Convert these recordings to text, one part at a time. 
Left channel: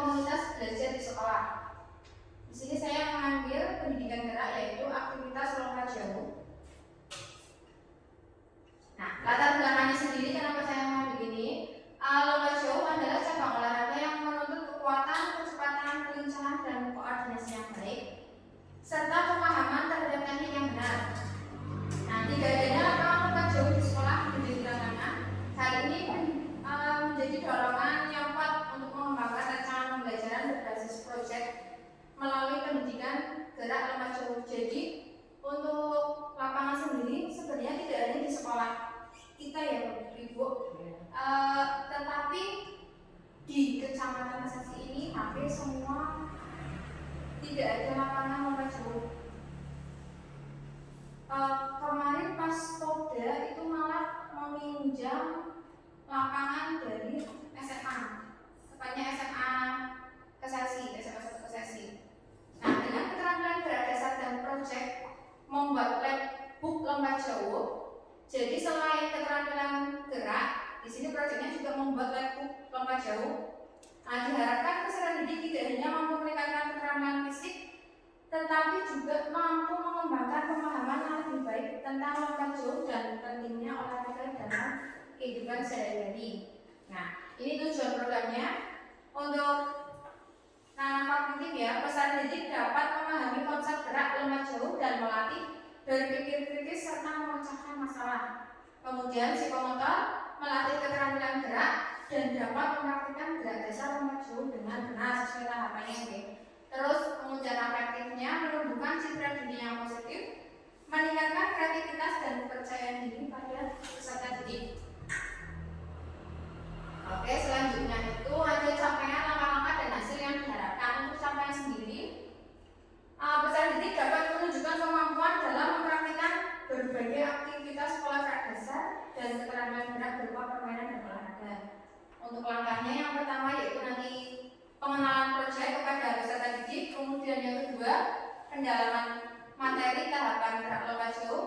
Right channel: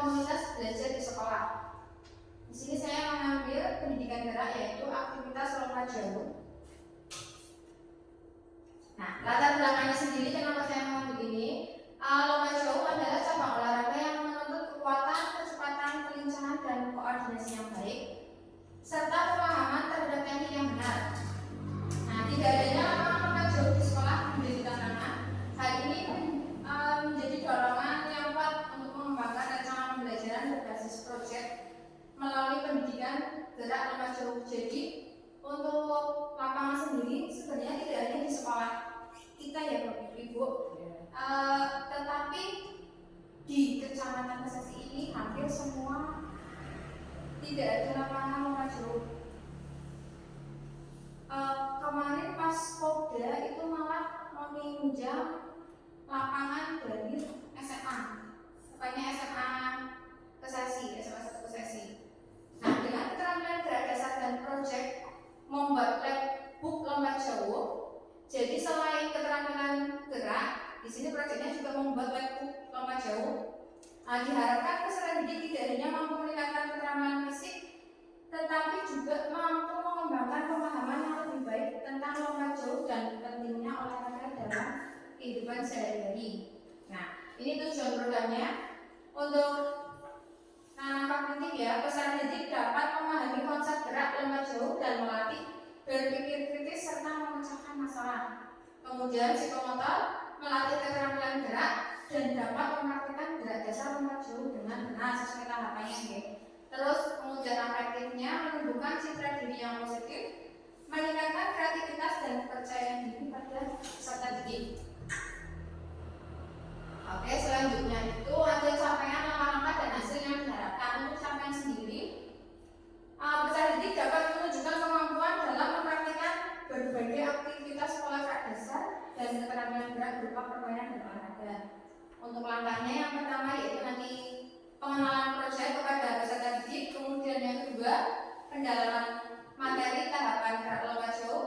komunitas belajar di sekolah. Di sini saya mengambil pendidikan gerak, yaitu aktivitas lomba jauh. Nah, latar belakangnya sendiri kenapa saya mengambil ini? Lomba jauh adalah cabang olahraga yang menuntut kekuatan, kecepatan, kelincahan, dan koordinasi yang baik, serta pemahaman terhadap teknik yang benar. Nah, tidak adanya lapangan lomba jauh di sekolah menjadi tantangan. Hal ini menjadi dorongan yang kuat untuk mengembangkan rencana pembelajaran berbasis proyek melalui pendidikan gerak lomba jauh. Jadi untuk lapangan sendiri sebenarnya tidak ada di sekolah kita ya Bapak Ibu, tetapi di Kecamatan Kesesi ini hampir semua tidak ada lapangan lomba jauh. Kemarin pas Popda itu malah meminjam lapangan dari SMA, tepatnya SMA Kesesi, SMA 1 Kesesi. Nah, dengan keterampilan gerak dasar dan proyek membuat labbook lomba jauh, jadi selain keterampilan gerak, di sini proyeknya juga membuat labbook lomba jauh. Nah, diharapkan peserta didik tidak hanya mampu meningkatkan keterampilan fisik, tetapi juga mampu mengembangkan pemahaman yang lebih baik tentang lomba jauh dan pentingnya olahraga dalam kehidupan sehari-hari. Nah, ini tujuan programnya untuk nanam kognitif ya. Peserta didik dapat memahami konsep gerak lomba jauh dan melatih berpikir kritis serta memecahkan masalah. Kemudian psikomotor melatih keterampilan gerak dan dapat mempraktikkan gerak dasar lomba jauh dengan benar sesuai tahapannya. Terus kemudian afektifnya menumbuhkan citra diri yang positif, meningkatkan kreativitas dan kepercayaan diri pada peserta didik. Oke, selanjutnya itu ada capaian langkah-langkah dan hasil yang diharapkan. Untuk capaian sendiri, peserta didik dapat menunjukkan kemampuan dalam mempraktikkan berbagai aktivitas sekolah gerak dasar dan keterampilan gerak berupa permainan dan olahraga. Untuk langkahnya yang pertama yaitu nanti pengenalan proyek kepada peserta didik, kemudian yang kedua pendalaman materi tahapan gerak lomba jauh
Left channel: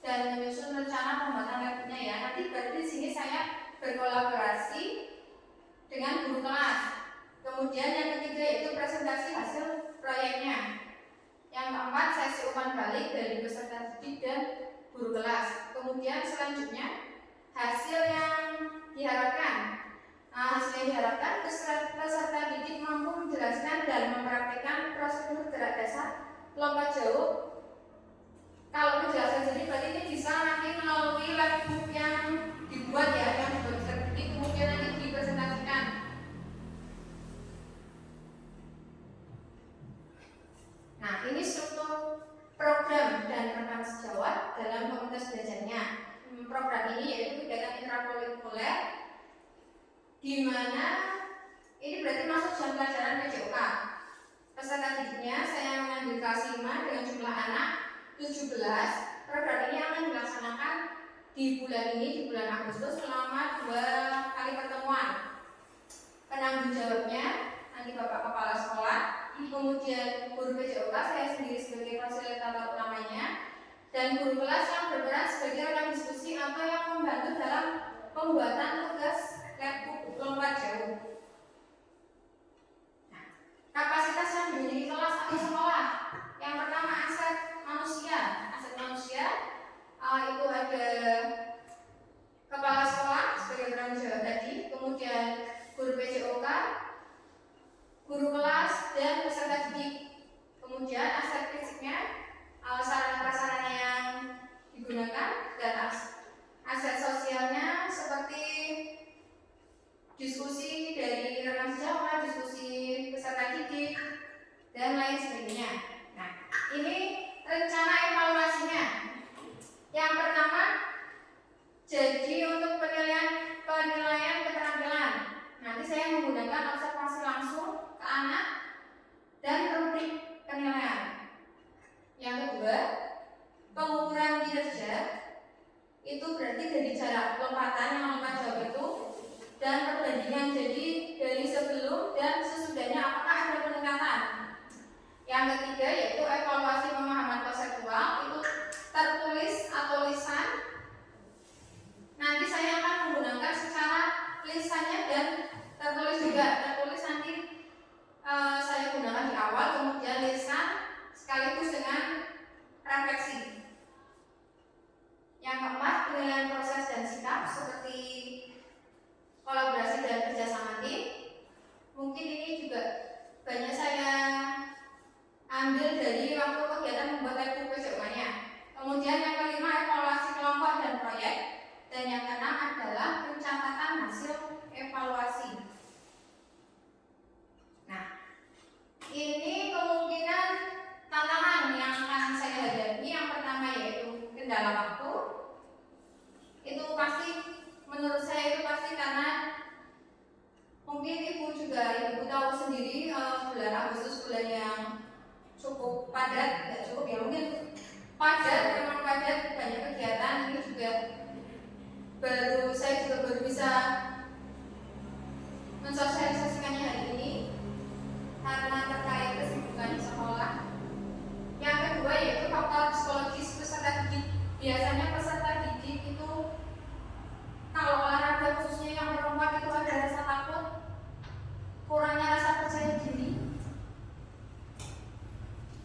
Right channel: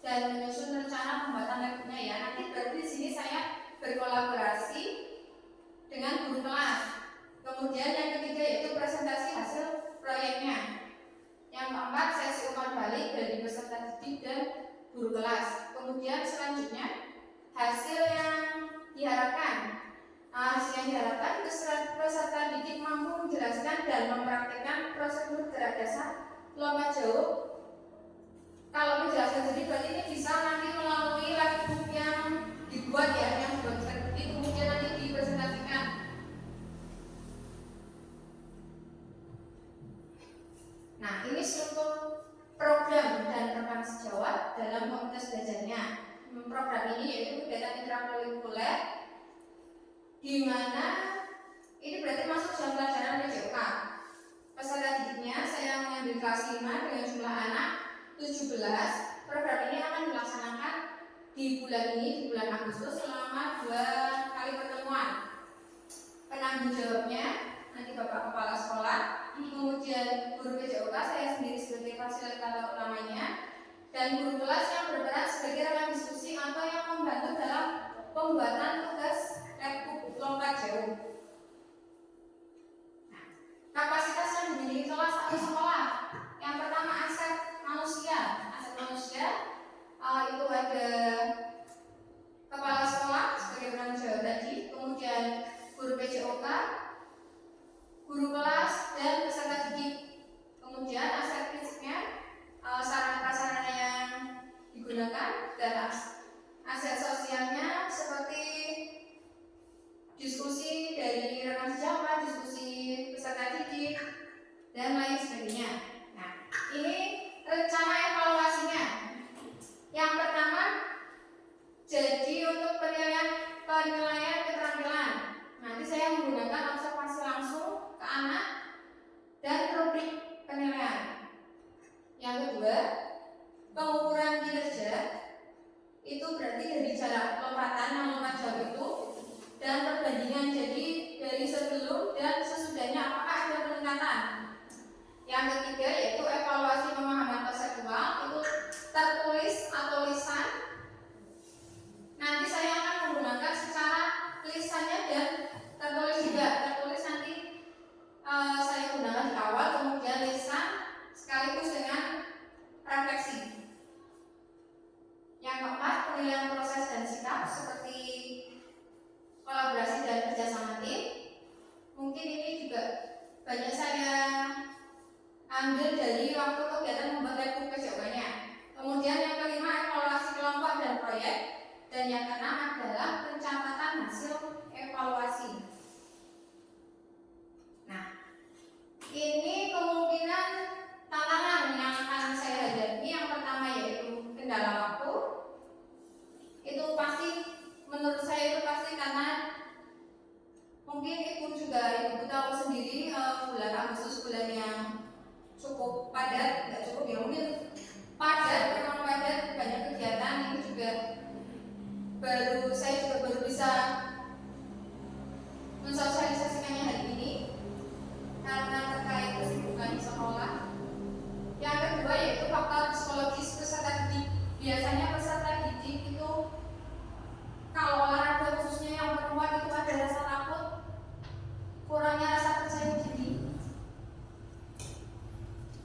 dan menyusun rencana pembuatan labnya ya. Nanti berarti di sini saya berkolaborasi dengan guru kelas. Kemudian yang ketiga yaitu presentasi hasil proyeknya. Yang keempat sesi umpan balik dari peserta didik dan guru kelas. Kemudian selanjutnya hasil yang diharapkan. Hasil yang diharapkan peserta didik mampu menjelaskan dan mempraktikkan prosedur gerak dasar lomba jauh. Kalau menjelaskan jadi berarti ini bisa nanti melalui labbook yang dibuat ya, yang dibuat di kemudian nanti dipresentasikan. Nah, ini struktur program dan rekan sejawat dalam komunitas belajarnya. Program ini yaitu kegiatan intrakurikuler, di mana ini berarti masuk jam pelajaran PJOK. Peserta didiknya saya mengambil kelas 5 dengan jumlah anak 17. Program ini akan dilaksanakan di bulan ini, di bulan Agustus selama 2 kali pertemuan. Penanggung jawabnya nanti Bapak Kepala Sekolah, kemudian guru PJOK, saya sendiri sebagai fasilitator utamanya, dan guru kelas yang berperan sebagai rekan diskusi atau yang membantu dalam pembuatan tugas labbook lomba jauh. Nah, kapasitas yang dimiliki kelas satu sekolah. Yang pertama aset manusia. Aset manusia itu ada kepala sekolah sebagai penanggung jawab tadi, kemudian guru PJOK, guru kelas, dan peserta didik. Kemudian aset fisiknya, sarana prasarana yang digunakan, dan aset sosialnya seperti diskusi dari rekan sejawat, diskusi peserta didik, dan lain sebagainya. Nah, ini rencana evaluasinya. Yang pertama, jadi untuk penilaian keterampilan, nanti saya menggunakan observasi langsung ke anak dan rubrik penilaian. Yang kedua, pengukuran kinerja, itu berarti dari jarak lompatan yang lompat jauh itu dan perbandingan, jadi dari sebelum dan sesudahnya apakah ada peningkatan. Yang ketiga evaluasi. Nah, ini kemungkinan tantangan yang akan saya hadapi. Yang pertama yaitu kendala waktu. Itu pasti menurut saya itu pasti karena mungkin ibu tahu sendiri bulan Agustus bulan yang cukup padat, nggak cukup ya mungkin padat, memang padat, banyak kegiatan. Ini juga saya juga baru bisa mensosialisasikannya hari ini karena terkait kesibukan di sekolah. Yang kedua yaitu faktor psikologis peserta didik. Biasanya peserta didik itu kalau olahraga khususnya yang perempuan itu ada rasa takut, kurangnya rasa percaya diri.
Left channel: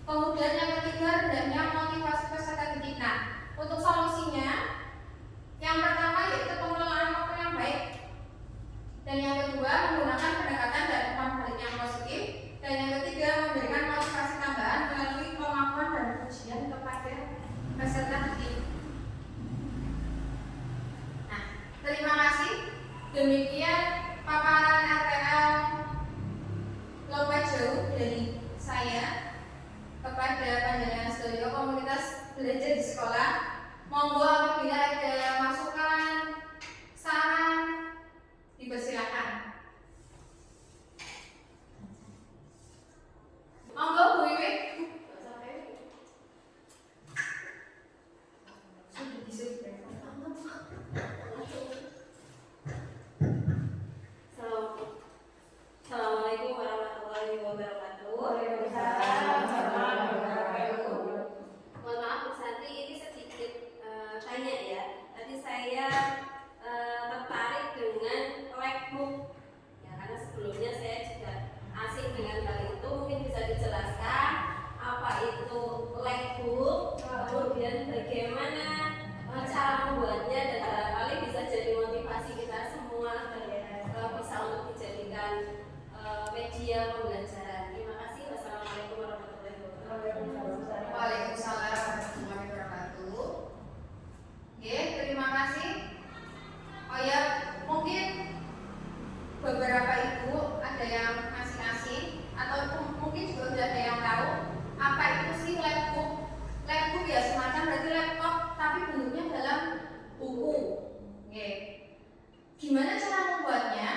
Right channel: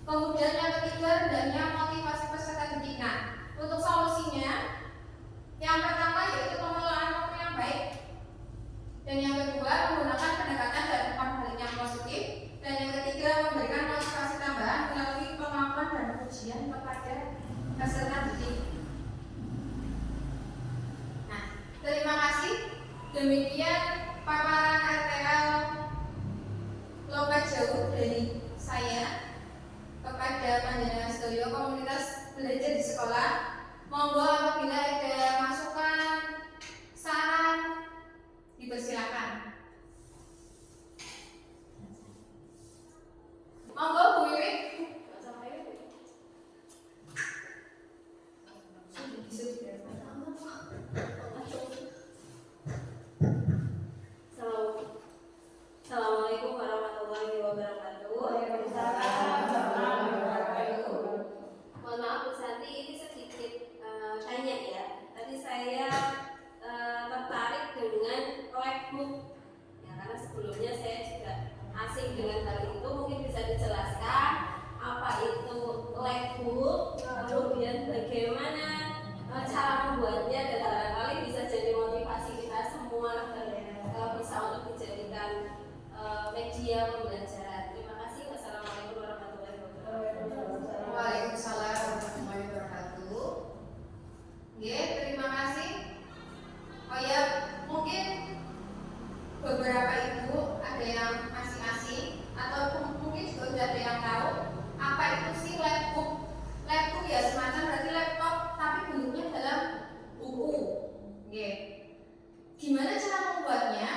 Kemudian yang ketiga rendahnya motivasi peserta didik. Nah, untuk solusinya yang pertama yaitu pengelolaan waktu yang baik, dan yang kedua menggunakan pendekatan dan umpan balik yang positif, dan yang ketiga memberikan motivasi tambahan melalui pengakuan dan pujian kepada peserta didik. Nah, terima kasih. Demikian paparan RPL lomba jauh dari saya kepada panjenengan sedaya komunitas belajar di sekolah. Monggo apabila ada masukan, saran, dipersilakan. Monggo Bu Wiwit. Assalamualaikum warahmatullahi wabarakatuh. Mohon maaf Bu Santi, ini sedikit tanya ya. Tadi saya tertarik dengan Lagbook ya, karena sebelumnya saya juga asing dengan hal itu. Mungkin bisa dijelaskan apa itu Lagbook, kemudian bagaimana cara membuatnya, dan barangkali bisa jadi motivasi kita semua dan bisa untuk dijadikan media pembelajaran. Terima kasih. Wassalamualaikum warahmatullahi wabarakatuh. Waalaikumsalam warahmatullahi wabarakatuh. Terima kasih. Oh ya, mungkin beberapa ibu ada yang masih asing atau mungkin juga sudah ada yang tahu apa itu sih Lagbook. Lagbook ya semacam berarti laptop tapi bentuknya dalam buku. Gimana cara membuatnya?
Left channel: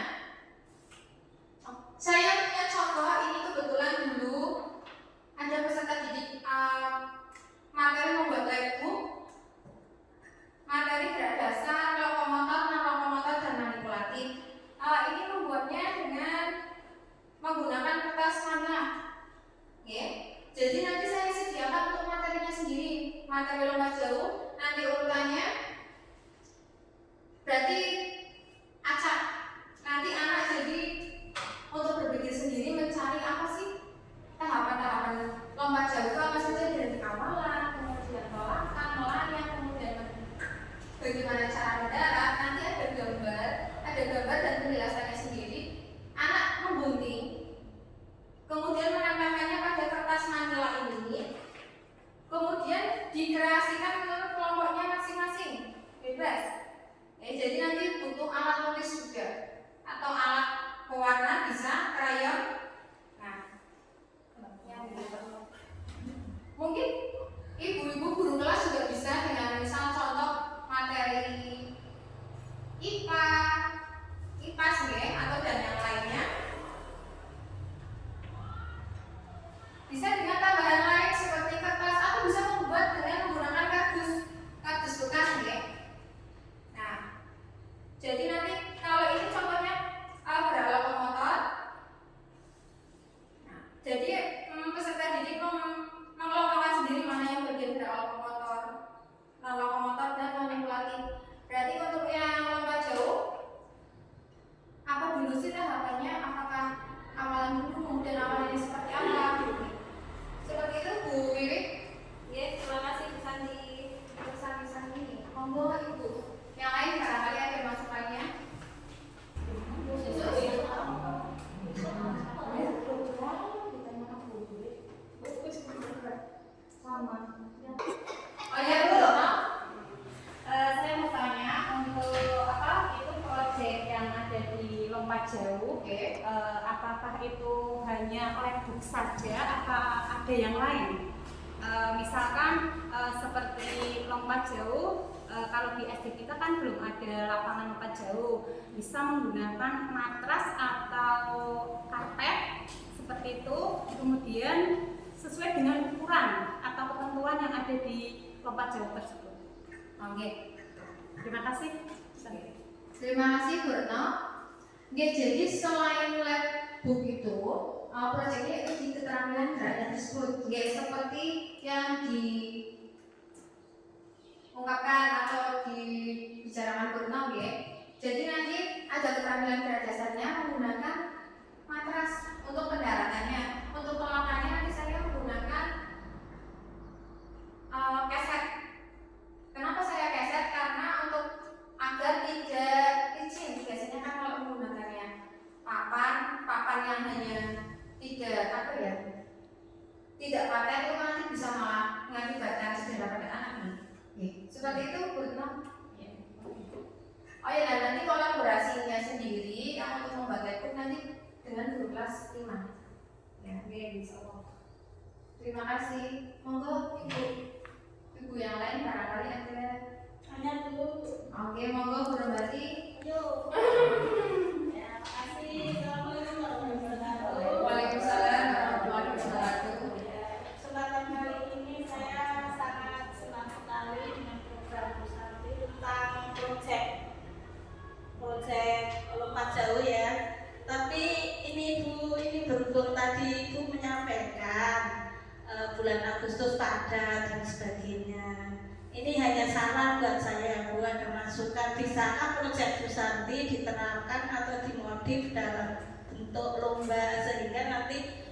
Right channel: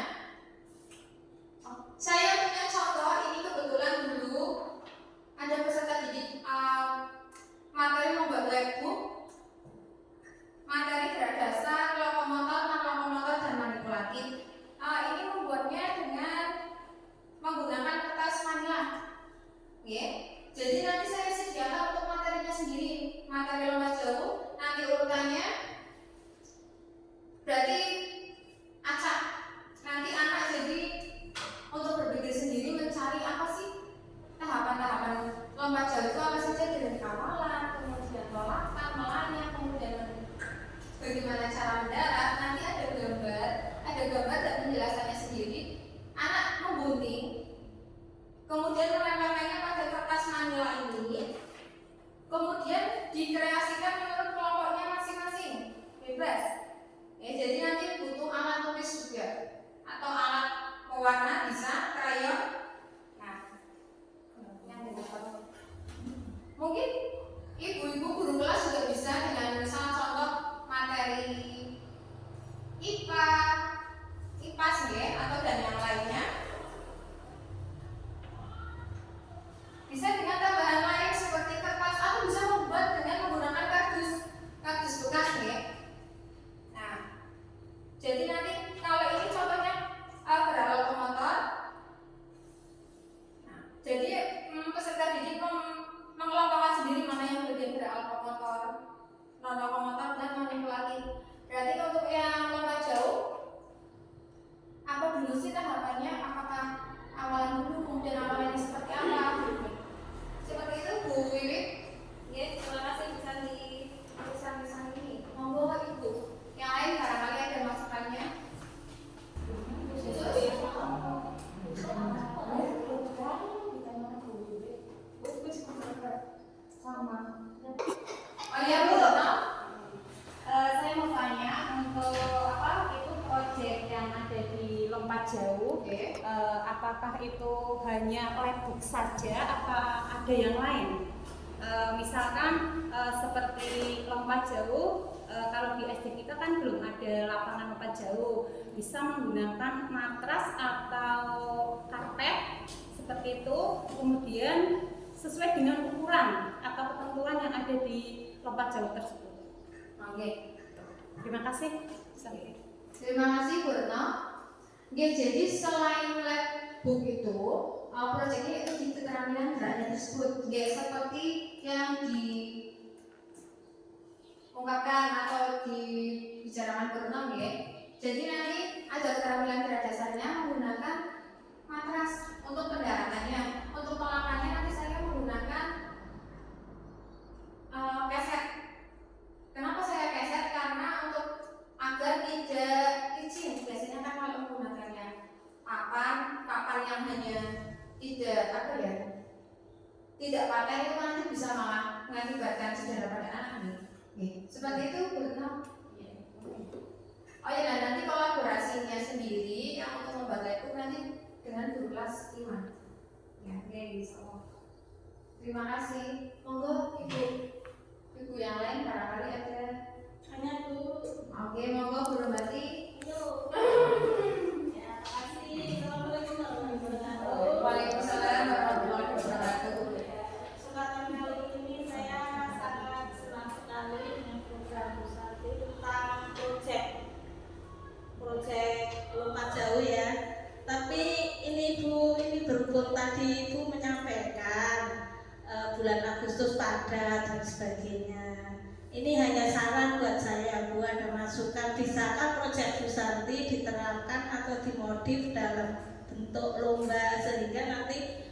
Saya punya contoh ini kebetulan dulu ada peserta didik materi membuat Lagbook, materi gerak dasar, lokomotor, non-lokomotor, dan manipulatif. Ini membuatnya dengan menggunakan kertas manila. Jadi nanti saya sediakan untuk materinya sendiri, materi lomba jauh. Nanti urutannya berarti acak. Nanti anak jadi untuk berpikir sendiri mencari apa sih tahapan-tahapan lomba jauh itu apa saja, dari kawalan, kemudian melakang, melayang, kemudian bagaimana cara mendarat. Nanti ada gambar dan penjelasannya sendiri. Anak memgunting, kemudian menempelkannya pada kertas manila ini, kemudian dikreasikan menurut kelompoknya masing-masing, bebas. Jadi nanti butuh alat tulis juga atau alat pewarna, bisa krayon. Nah, mungkin ibu-ibu guru kelas juga bisa dengan misal contoh materi IPA, IPAS atau dan yang lainnya. Bisa dengan tambahan lain seperti kertas atau bisa membuat dengan menggunakan kardus bekas Nah, jadi nanti kalau ini contohnya gerak lokomotor. Nah, jadi peserta didik mengelompokkan sendiri mana yang bagian gerak lokomotor, non-lokomotor, dan manipulatif. Berarti untuk yang lomba jauh, apa dulu sih tahapannya? Apakah awalan dulu, kemudian awalannya seperti apa? Seperti itu Bu Wiwit. Terima kasih Bu Santi. Santi. Monggo Ibu. Yang lain barangkali ada masukannya. Oh ya Bu, saya mau tanya untuk apa itu proyek yang ada di lompat jauh. Oke. Apakah itu hanya lab-book saja, apa ada yang lain? Misalkan seperti lompat jauh, kalau di SD kita kan belum ada lapangan lompat jauh, bisa menggunakan matras atau karpet seperti itu, kemudian sesuai dengan ukuran atau ketentuan yang ada di lompat jauh tersebut. Oke. Terima kasih. Terima kasih Bu Retno. Oke, jadi selain lab book itu, proyeknya itu di keterampilan berada tersebut. Oke, seperti yang diungkapkan atau dibicarakan Bu Retno, oke. Jadi nanti ada keterampilan berat dasarnya menggunakan matras untuk pendaratannya. Untuk pelakannya nanti saya menggunakan keset. Kenapa saya keset? Karena untuk agar tidak licin. Biasanya kan kalau menggunakannya papan yang hanya tidak paten itu nanti bisa malah mengakibatkan cedera pada anak ini. Seperti itu Bu Retno. Oh ya, nah nanti kolaborasinya sendiri yang untuk membuat itu nanti dengan guru kelas 5. Ya, oke, bisa. Terima kasih. Monggo ibu yang lain barangkali ada. Tanya dulu. Oke, monggo Bu Rombati. Ayo. Ya, makasih. Assalamualaikum warahmatullahi wabarakatuh. Waalaikumsalam warahmatullahi wabarakatuh. Kesempatan kali ini saya sangat senang sekali dengan program Bu Santi tentang proyek lompat jauh ya. Tapi ini Bu, ini berhubung tadi Ibu menyampaikan bulan Agustus padat dan sebagainya. Ini hanya saran buat saya, Bu, ada masukan bisakah proyek Bu Santi diterapkan atau dimodif dalam bentuk lomba sehingga nanti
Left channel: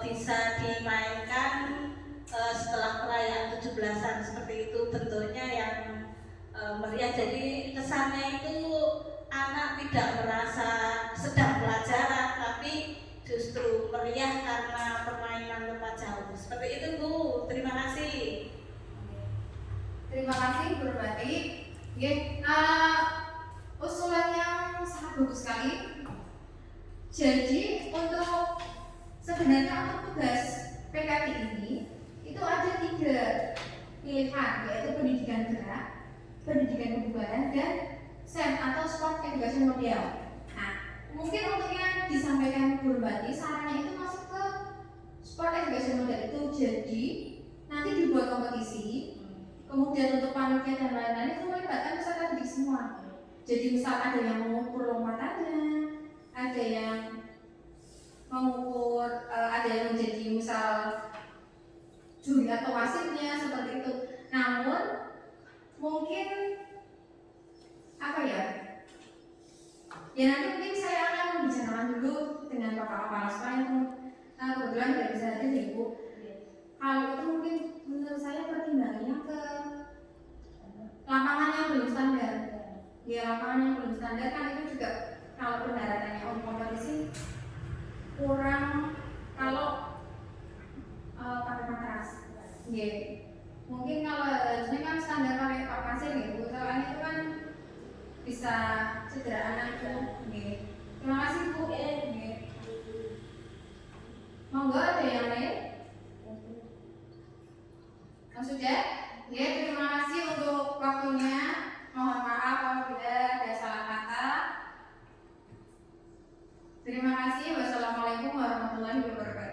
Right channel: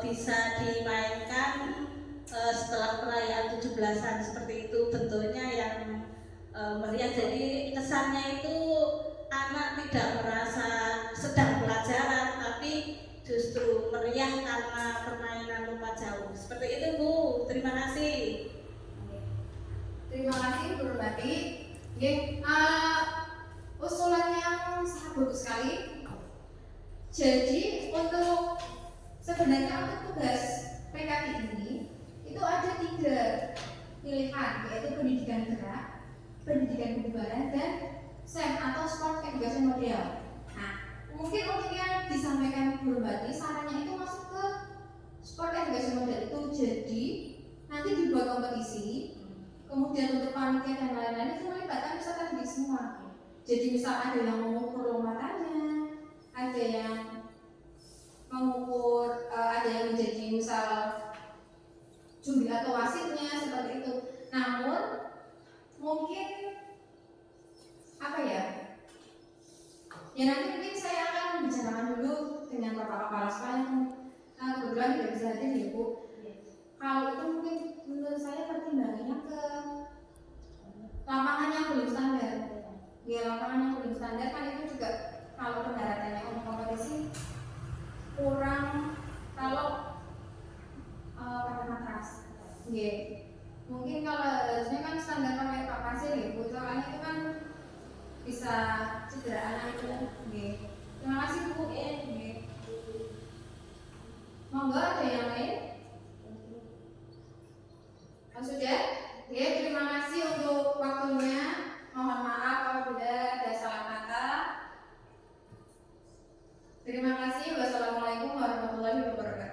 bisa dimainkan setelah perayaan 17-an seperti itu, bentuknya yang meriah. Jadi kesannya itu anak tidak merasa sedang pelajaran tapi justru meriah karena permainan lompat jauh. Seperti itu Bu, terima kasih. Terima kasih Bu Rombati. Usulan yang sangat bagus sekali. Jadi untuk sebenarnya untuk tugas PKD ini itu ada 3 pilihan, yaitu pendidikan gerak, pendidikan kebugaran, dan SEM atau Sport Education Model. Nah, mungkin untuk yang disampaikan Bu Rombati, sarannya itu masuk ke Sport Education Model itu. Jadi nanti dibuat kompetisi, kemudian untuk panitia dan lain-lain itu melibatkan peserta didik semua. Jadi misal ada yang mengukur lompatannya, ada yang mengukur, ada yang menjadi misal juri atau wasitnya seperti itu. Namun mungkin apa ya? Ya nanti mungkin saya akan membicarakan dulu dengan Bapak Kepala Sekolah yang kebetulan tidak bisa hadir ya Bu. Kalau itu mungkin menurut saya pertimbangannya ke lapangan yang belum standar. Ya lapangan yang belum standar kan itu juga kalau pendaratannya untuk kompetisi kurang kalau pada matras. Ya mungkin kalau harusnya kan standar pakai pak pasir ya Bu, soalnya itu kan bisa cedera anak itu. Terima kasih Bu. Monggo ada yang lain? Sudah? Ya, terima kasih untuk waktunya. Mohon maaf apabila ada salah kata. Terima kasih. Wassalamualaikum warahmatullahi wabarakatuh.